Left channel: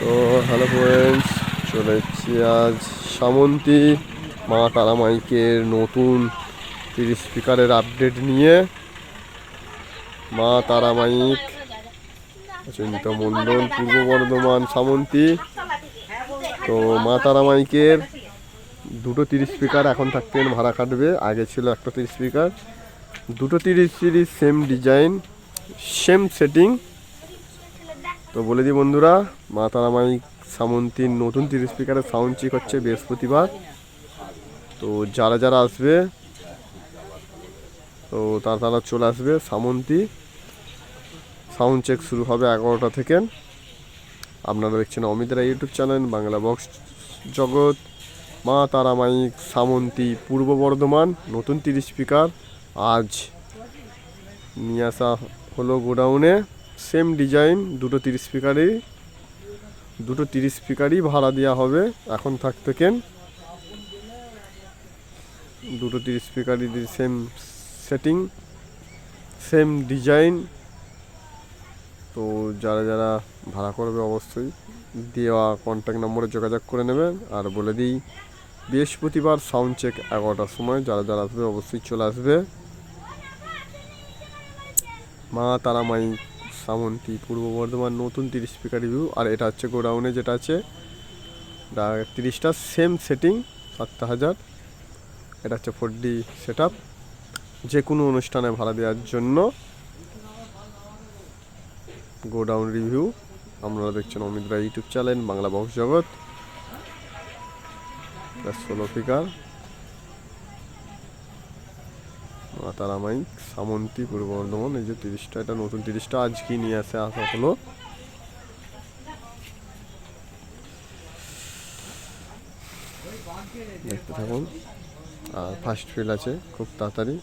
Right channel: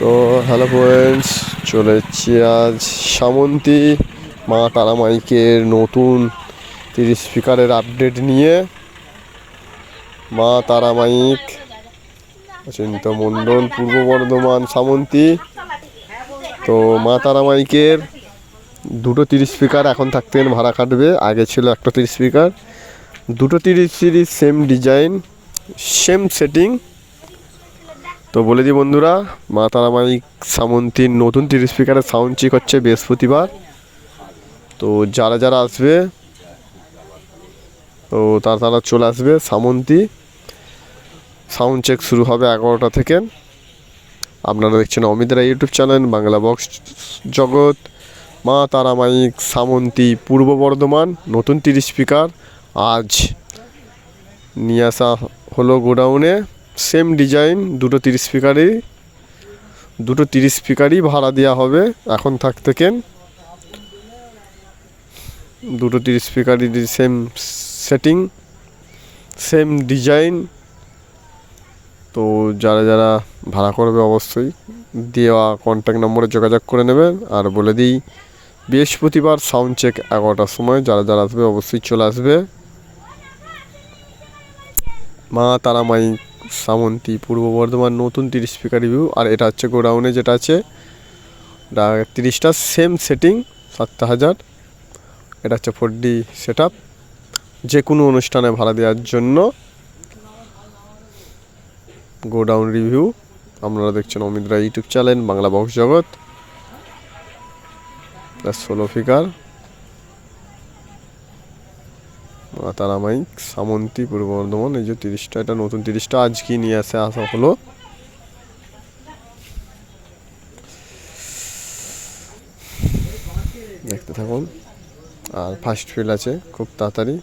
তো hello friends চলে এসেছি আজ সামন্তী, মা তারা মাইকের নতুন তিরিশ স্পিকারের আপডেট নিয়ে। মা তারা মাইক অচিন্ত মণ্ডল, পূর্ব বর্ধমান, সামন্তী। তো মা তারা মাইকের দুটো তিরিশ স্পিকার এখন থাকতেন ভাড়া কাটবে, আগে ছিল একটা তিরিশ স্পিকার দুটো তিরিশ series same design same setting তো বলে দিই বন্ধুরা, মা তারামাই সামন্তীর নতুন তিরিশ স্পিকারের সাউন্ড চেক হচ্ছে বৃহস্পতিবার। তো যারা যারা আসবে, তো তারা তারা চলে আসবে সামন্তী। সাউন্ড চেক শুরু হবে এগারোটা থেকে। আপনারা দেখছেন অমিতরা YouTube channel, Bangla box Jagat. মা তারামাইক সামন্তী পূর্ব বর্ধমান, নতুন তিরিশ স্পিকার আজ নিয়ে আসা হলো গোডাউনে। সেম ডিজাইন দুটো তিরিশ স্পিকারই দুটো তিরিশ স্পিকারই ভাড়া দেওয়া হবে, এখন থাক থেকেন দুটো তিরিশ স্পিকারই সেম সেটিং সেম ডিজাইন তো যারা যারা ভাড়া করবে অবশ্যই দেওয়া কন্ট্যাক্ট নম্বরে যোগাযোগ করে নেবেন আর বলে দিই, বৃহস্পতিবার সাউন্ড চেক এগারোটার সময়, যারা যারা আসবে অবশ্যই চলে আসবে। মা তারা মাই সামন্তী, পূর্ব বর্ধমান নতুন তিরিশ স্পিকার রিভিউ আর এটা হচ্ছে গোডাউনে যেটা আছে তিরিশটা সেম সেটিং সাতটা হাজার। এটা হচ্ছে ফোর ডি সেট আপ যে কোনো অনুষ্ঠানে ভাড়া দেওয়ার জন্য গোডাউন রিভিউ আপনারা দেখছেন Amit Roy YouTube channel Bangla box Jagat. ষোলো ফিকার মা তারা মাইক সামন্তী পূর্ব বর্ধমান, এই যে তিরিশটা, এটা নতুন তিরিশটা আজকে নিয়ে আসে আসা হলো। দেখতে থাকুন। আর ফার্স্ট ফিল আছে, খুব তাড়াতাড়ি।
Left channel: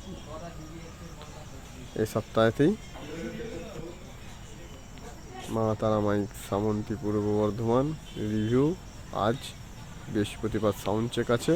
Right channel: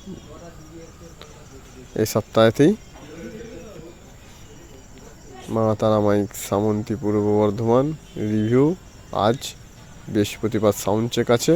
এই সপ্তাহেতেই মা তারা মাইক সামন্তী পূর্ব বর্ধমান রিভিউ আজ বৃহস্পতিবার সাউন্ড চেক আছে।